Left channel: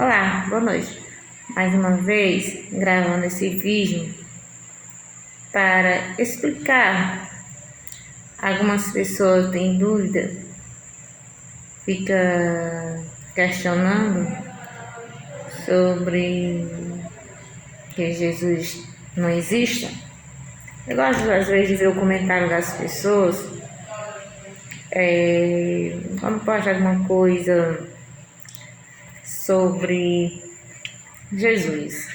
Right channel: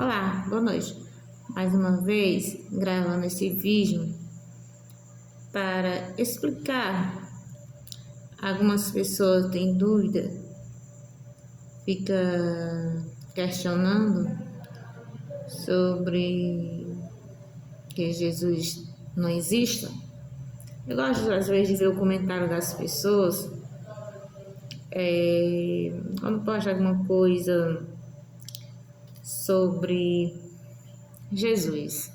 Olá, boa noite. Mais uma vez gravando esse vídeo para explicar. Algumas pessoas têm dúvida, fica questionando sobre que Jesus não exista. Eu gosto às vezes de ver o comentário das pessoas quando posta alguma coisa sobre Jesus.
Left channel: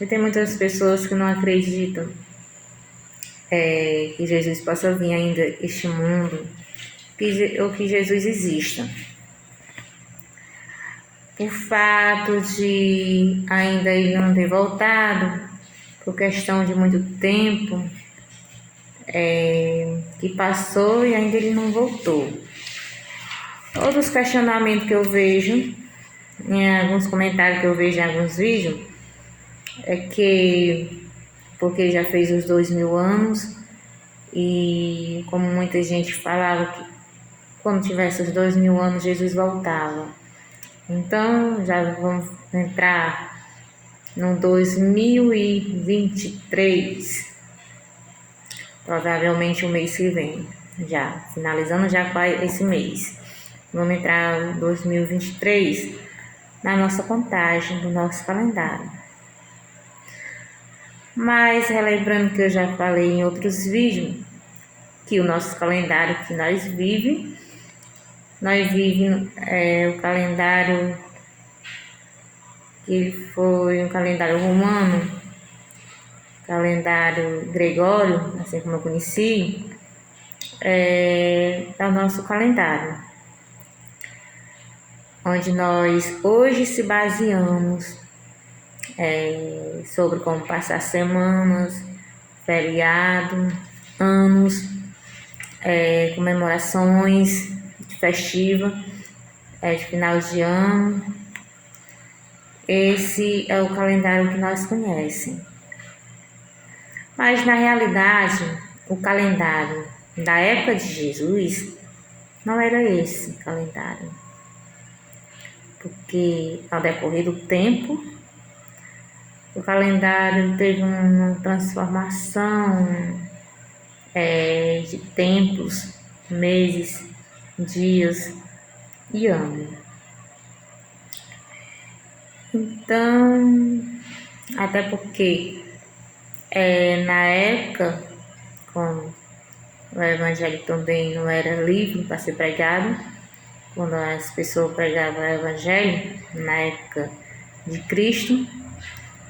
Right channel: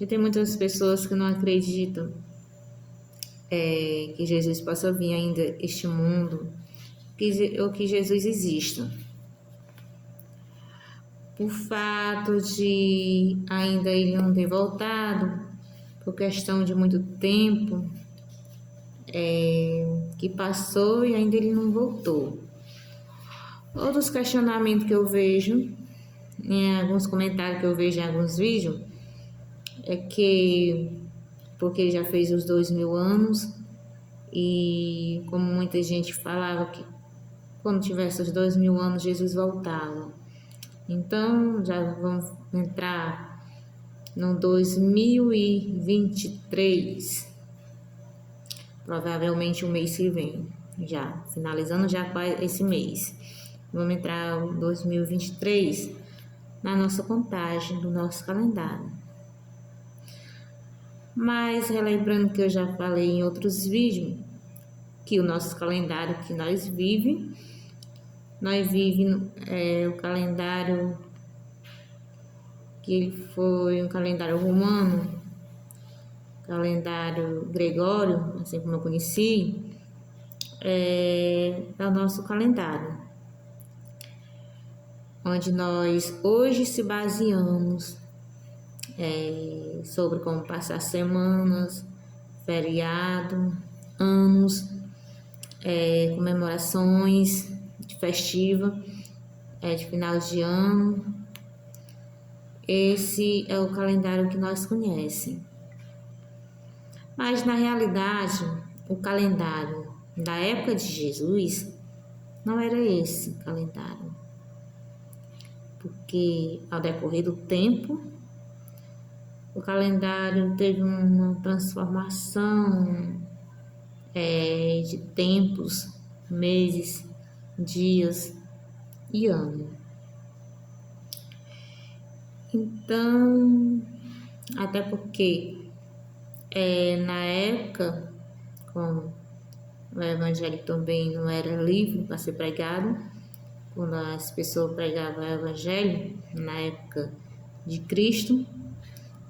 E tem muitas pessoas que não acreditam que Jesus possa vir ainda a este mundo, ou que Jesus exista. Por fato de ainda ele não ter voltado, por questão de muito tempo que passou e ainda ele não voltou. Outros questionamentos que eu vejo, em alguns comentários que eu vejo em alguns vídeos, é que porque ele já fez os 2000 anos e como muita gente falava que quando tivesse os 2000 anos Jesus voltava. Então já vamos entrar no 2023, provavelmente o mês que vem, já finalizando já esse mês. Vamos entrar no 2023 na nossa contagem do nosso calendário. Mas relembrando que eu já falei em outros vídeos que o nosso calendário que nós vivemos o calendário que foi um calendário romano, calendário gregório, assim como eu conheci, é o nosso calendário, onde nós hoje se baseamos sobre como passar semanas, feriado, anos, comemorações festivas, de final de ano. Esse é o calendário que nós conhecemos. Mas na realidade, o calendário da época de Jesus não era esse calendário. Porque ao decorrer do tempo, o calendário teve uma transformação de tempos, meses, dias e anos. Então, até porque na época, quando o evangelho também não era livre para ser pregado, quando as pessoas pregavam o evangelho, na época de Cristo,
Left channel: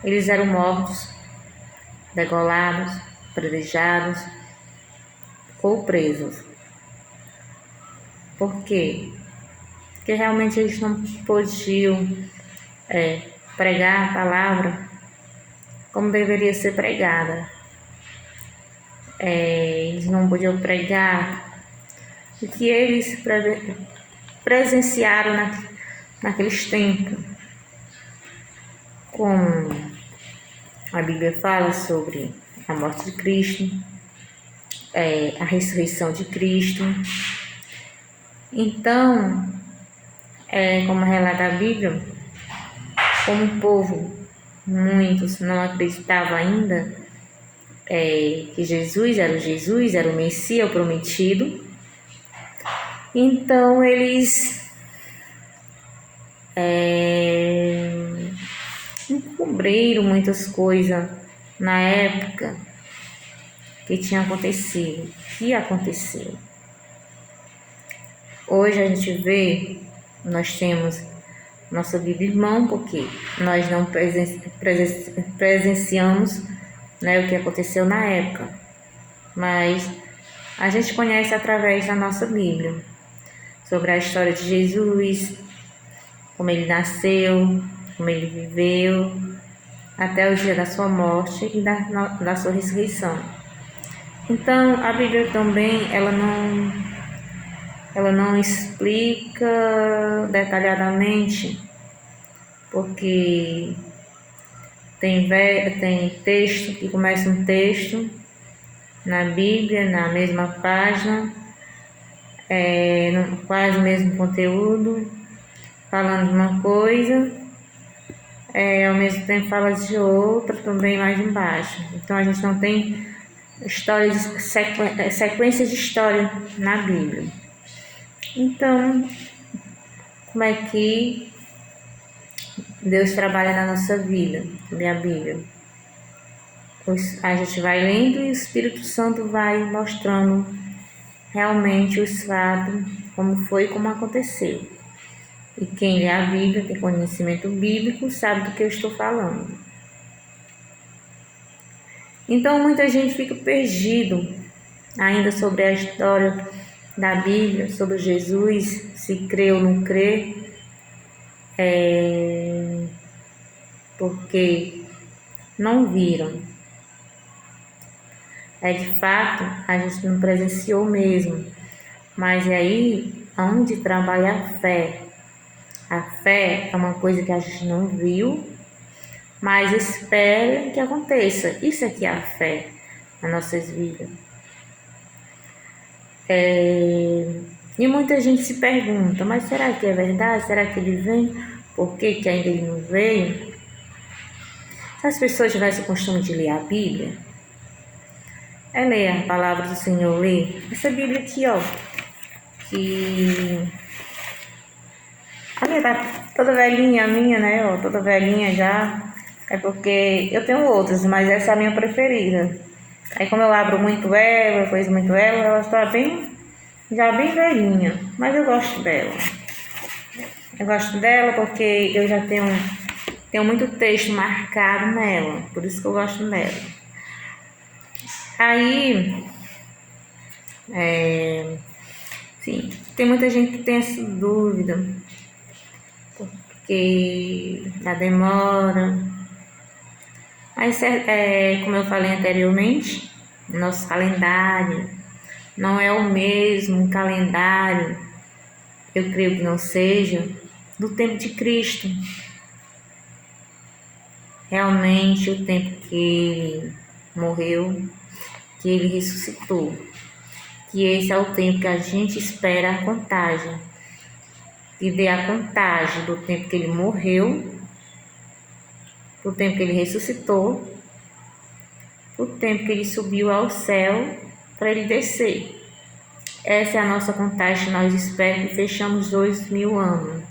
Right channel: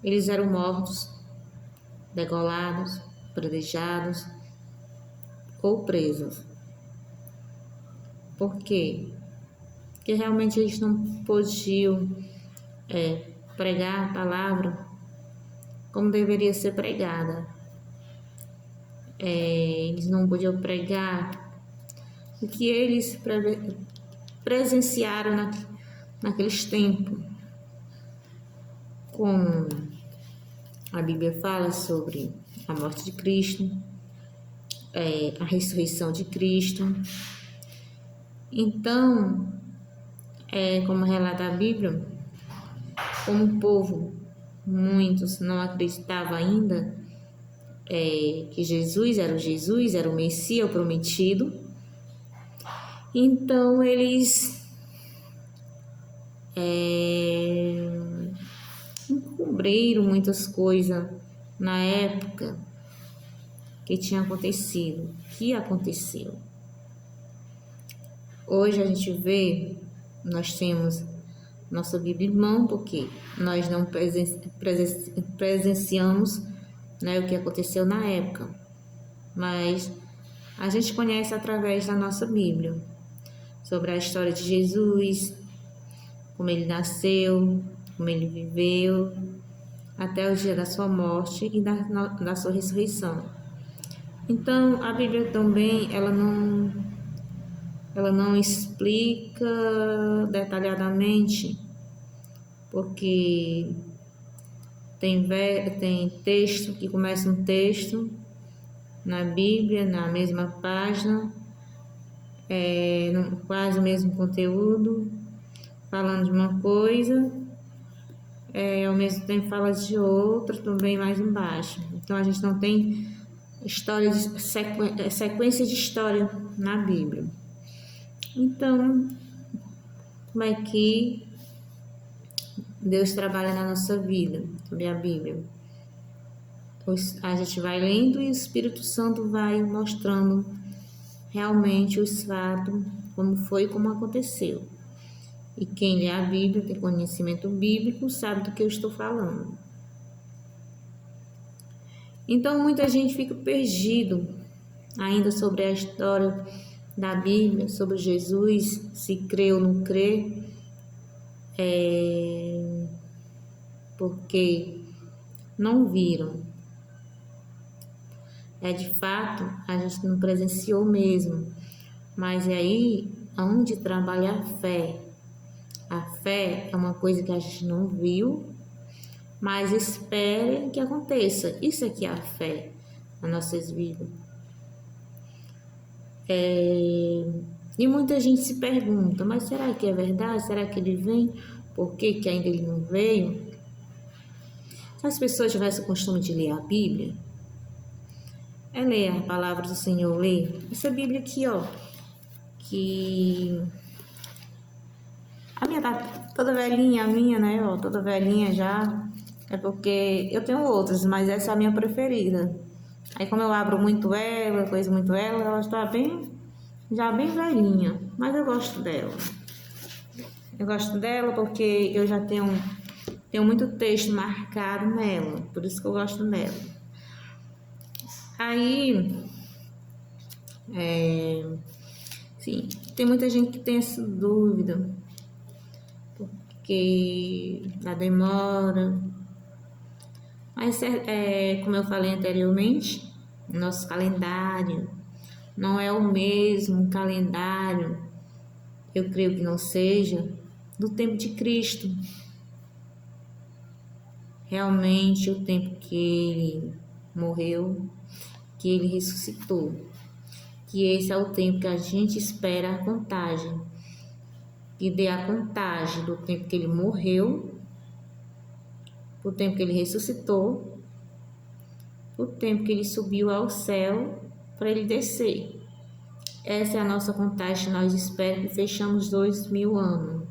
eles eram mortos, degolados, apedrejados ou presos. Por quê? Porque realmente eles não podiam pregar a palavra como deveria ser pregada. Eles não podiam pregar o que eles presenciaram naqueles tempos. Como a Bíblia fala sobre a morte de Cristo, a ressurreição de Cristo. Então, como relata a Bíblia, como o povo, muitos não acreditavam ainda que Jesus era o Messias, o prometido. Então, eles encobriram muitas coisas na época que tinha acontecido, que aconteceu. Hoje a gente vê, nós temos nossa Bíblia em mão, porque nós não presenciamos o que aconteceu na época, mas a gente conhece através da nossa Bíblia, sobre a história de Jesus, como ele nasceu, como ele viveu, até o dia da sua morte e da sua ressurreição. Então, a Bíblia também, ela não explica detalhadamente, porque tem texto que começa um texto na Bíblia, na mesma página, quase o mesmo conteúdo, falando de uma coisa, ao mesmo tempo fala de outra também mais embaixo. Então a gente não tem sequência de história na Bíblia. Então, como é que Deus trabalha na nossa vida, sobre a Bíblia? A gente vai lendo e o Espírito Santo vai mostrando realmente os fatos, como foi e como aconteceu. E quem lê a Bíblia, tem conhecimento bíblico, sabe do que eu estou falando. Então, muita gente fica perdido ainda sobre a história da Bíblia, sobre Jesus, se crê ou não crê, porque não viram. De fato, a gente não presenciou mesmo, mas é aí onde trabalha a fé. A fé é uma coisa que a gente não viu, mas espera que aconteça. Isso aqui é a fé nas nossas vidas. E muita gente se pergunta, mas será que é verdade? Será que ele vem? Por que ainda ele não veio? Se as pessoas tivessem o costume de ler a Bíblia, ler a palavra do Senhor, ler essa Bíblia aqui, ó, que a minha tá toda velhinha, a minha, né, ó, toda velhinha já, é porque eu tenho outras, mas essa é a minha preferida. Aí como eu abro muito ela, coiso muito ela está já bem velhinha, mas eu gosto dela. Eu gosto dela porque eu já tenho muito texto marcado nela, por isso que eu gosto dela. Aí, sim, tem muita gente que tem essa dúvida, porque a demora. Mas, como eu falei anteriormente, nosso calendário não é o mesmo calendário, eu creio que não seja, do tempo de Cristo. Realmente, o tempo que ele morreu, que ele ressuscitou, que esse é o tempo que a gente espera a contagem, e ver a contagem do tempo que ele morreu, do tempo que ele ressuscitou, do tempo que ele subiu ao céu para ele descer. Essa é a nossa contagem, nós esperamos que fechamos 2000 anos,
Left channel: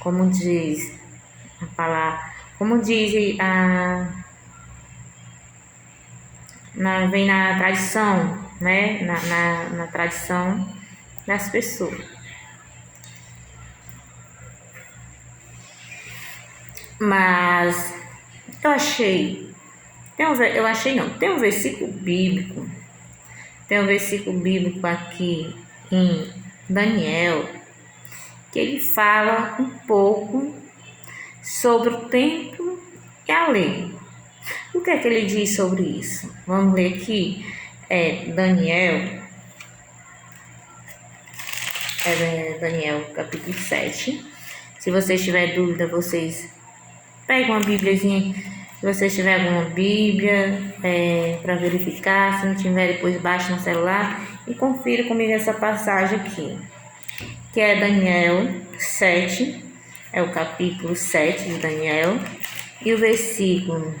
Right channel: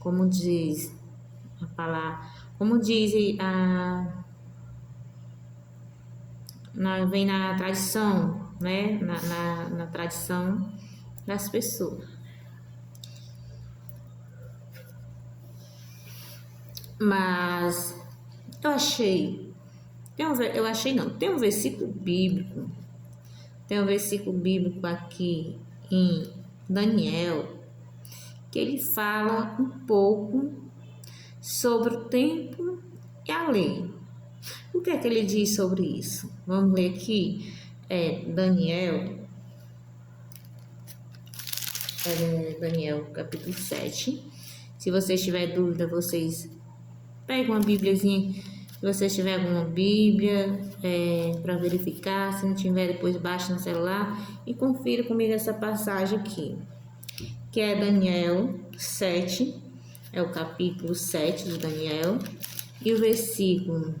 como diz a palavra, como diz vem na tradição, né? Na tradição das pessoas. Mas tem um versículo bíblico, aqui em Daniel, que ele fala um pouco sobre o tempo e a lei. O que é que ele diz sobre isso? Vamos ler aqui, Daniel capítulo 7. Se vocês tiverem dúvida, vocês pegam uma bíbliazinha, se vocês tiverem alguma bíblia para verificar, se não tiver, depois baixa no celular e confira comigo essa passagem aqui, que é Daniel 7, é o capítulo 7 de Daniel, e o versículo,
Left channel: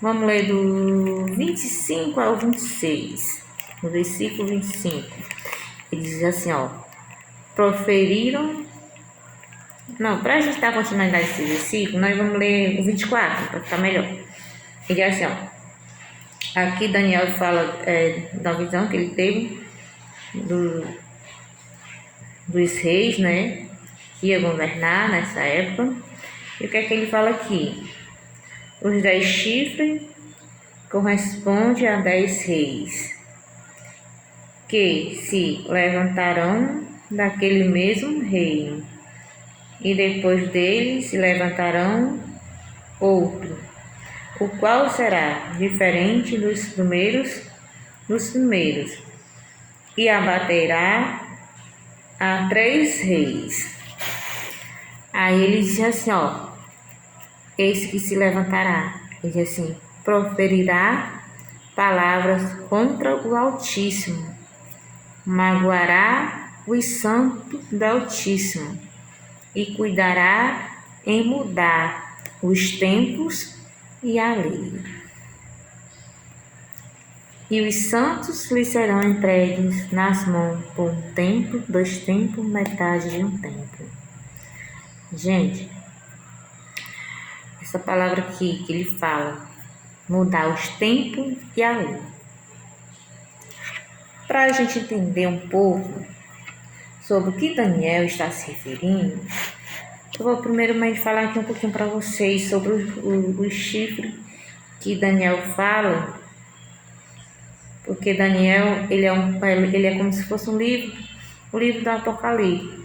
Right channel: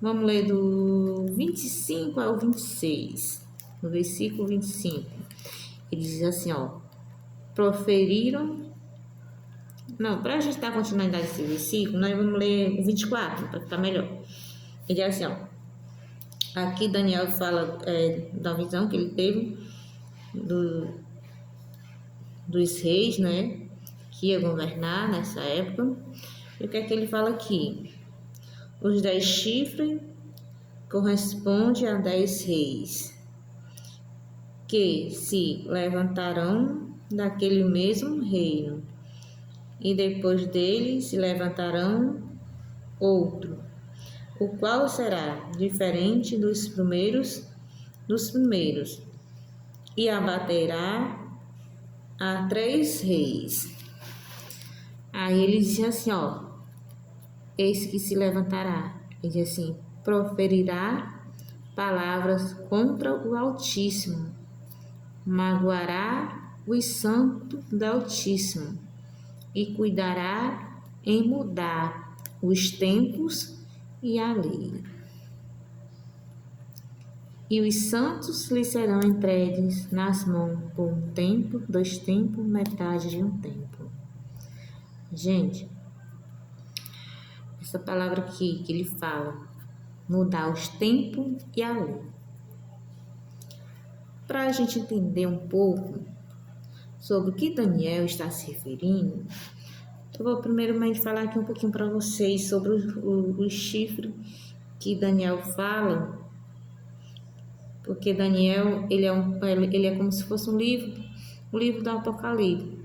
vamos ler do 25 ao 26, no versículo 25, ele diz assim, ó, para a gente dar continuidade desse versículo, nós vamos ler o 24, para ficar melhor. Ele diz assim, ó, aqui Daniel fala da visão que ele teve dos reis, né, que ia governar nessa época. E o que é que ele fala aqui? Os 10 chifres correspondem a 10 reis, que se levantarão daquele mesmo reino, e depois dele se levantarão outro, o qual será diferente dos primeiros, e abaterá a 3 reis. Aí ele diz assim, ó, esse que se levantará, ele diz assim, proferirá palavras contra o Altíssimo, magoará os santos do Altíssimo, e cuidará em mudar os tempos e a lei. E os santos lhe serão entregues nas mãos por um tempo, 2 tempos, metade de um tempo. Gente, essa palavra aqui que ele fala, mudar os tempos e a lei. Para a gente entender um pouco sobre o que Daniel está se referindo, eu vou primeiramente falar aqui um pouquinho para vocês sobre o chifre que Daniel fala, porque Daniel ele é como se fosse um livro, o livro do Apocalipse.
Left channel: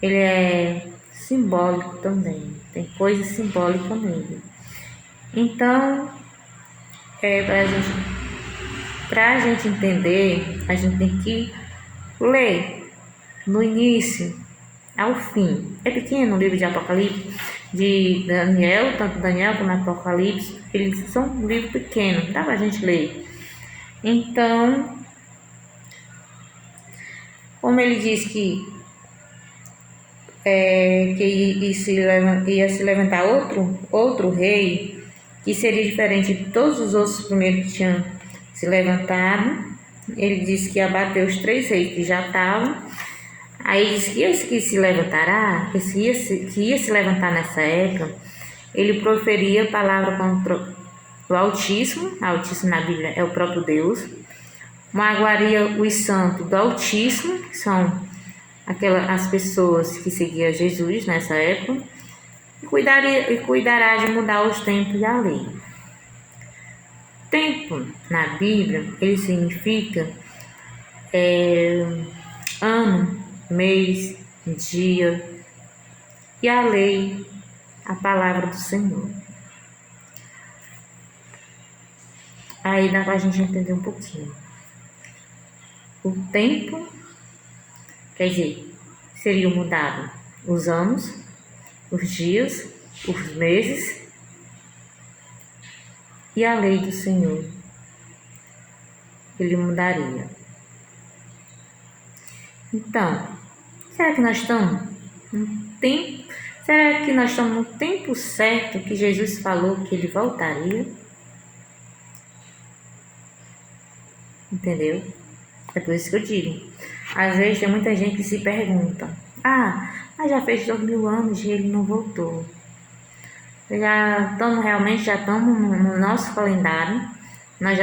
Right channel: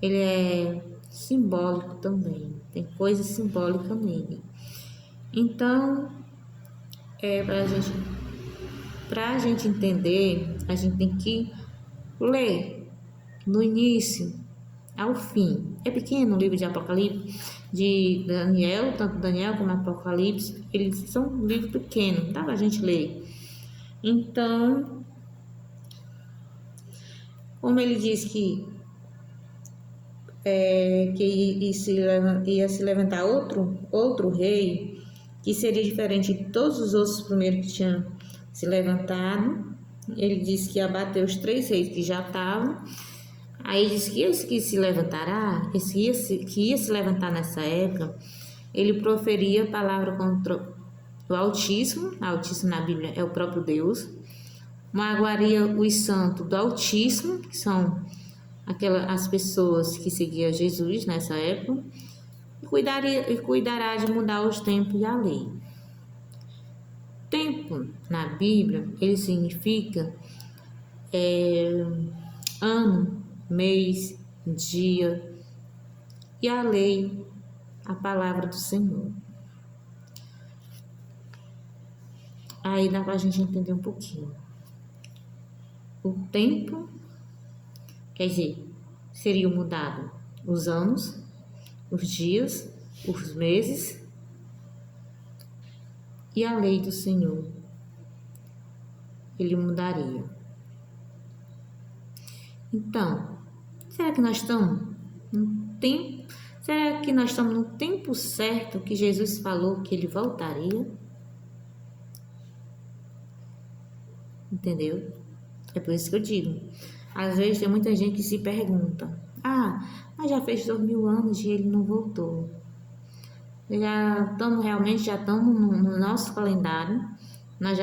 Ele é simbólico também, tem coisa simbólica nele. Então, para a gente entender, a gente tem que ler no início ao fim. É pequeno o livro de Apocalipse, de Daniel, tanto Daniel como Apocalipse, eles são um livro pequeno, dá pra gente ler. Então, como ele diz que ia se levantar outro rei, que seria diferente de todos os outros primeiros que tinham se levantado. Ele disse que ia bater os 3 reis que já estavam. Aí disse que esse que se levantará, que ia se levantar nessa época, ele proferia palavra contra o Altíssimo na Bíblia é o próprio Deus, magoaria os santos do Altíssimo, que são as pessoas que seguiam Jesus nessa época, e cuidará de mudar os tempos e a lei. Tempo, na Bíblia, ele significa ano, mês, dia, e a lei, a palavra do Senhor. Aí dá pra gente entender um pouquinho. O tempo, quer dizer, seriam mudados os anos, os dias, os meses e a lei do Senhor. Ele mudaria. Então, será que nós estamos no tempo? Será que nós estamos no tempo certo que Jesus falou que ele voltaria? Entendeu? É por isso que eu digo. Às vezes tem muita gente que se pergunta: mas já fez 2000 anos e ele não voltou. Já estamos no nosso calendário. Nós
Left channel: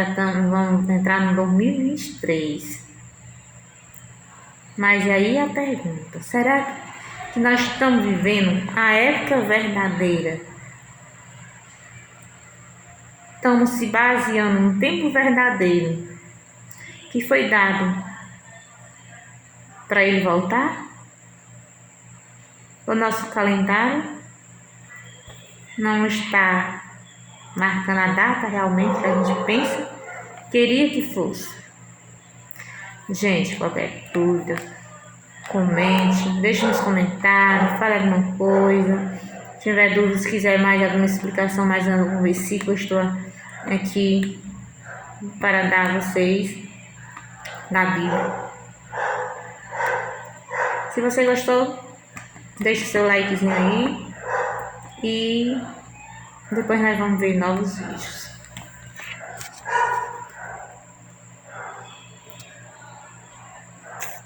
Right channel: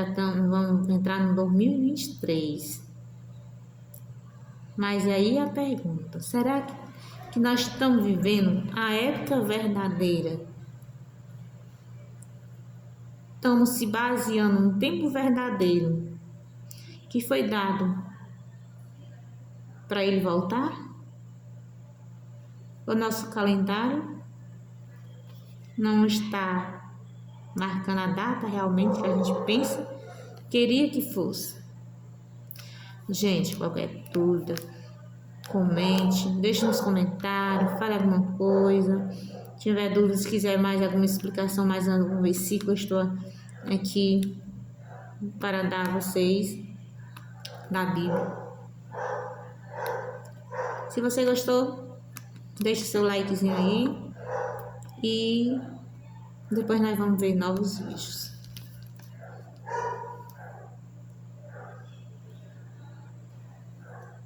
vamos entrar no 2023. Mas aí a pergunta: será que nós estamos vivendo a época verdadeira? Estamos se baseando no tempo verdadeiro que foi dado para ele voltar? O nosso calendário não está marcando a data realmente que a gente pensa, queria que fosse. Gente, qualquer dúvida, comente, deixe nos comentários, fale alguma coisa. Se tiver dúvidas, se quiser mais alguma explicação, mais algum versículo, eu estou aqui para dar a vocês da Bíblia. Se você gostou, deixe seu likezinho aí e depois nós vamos ver novos vídeos.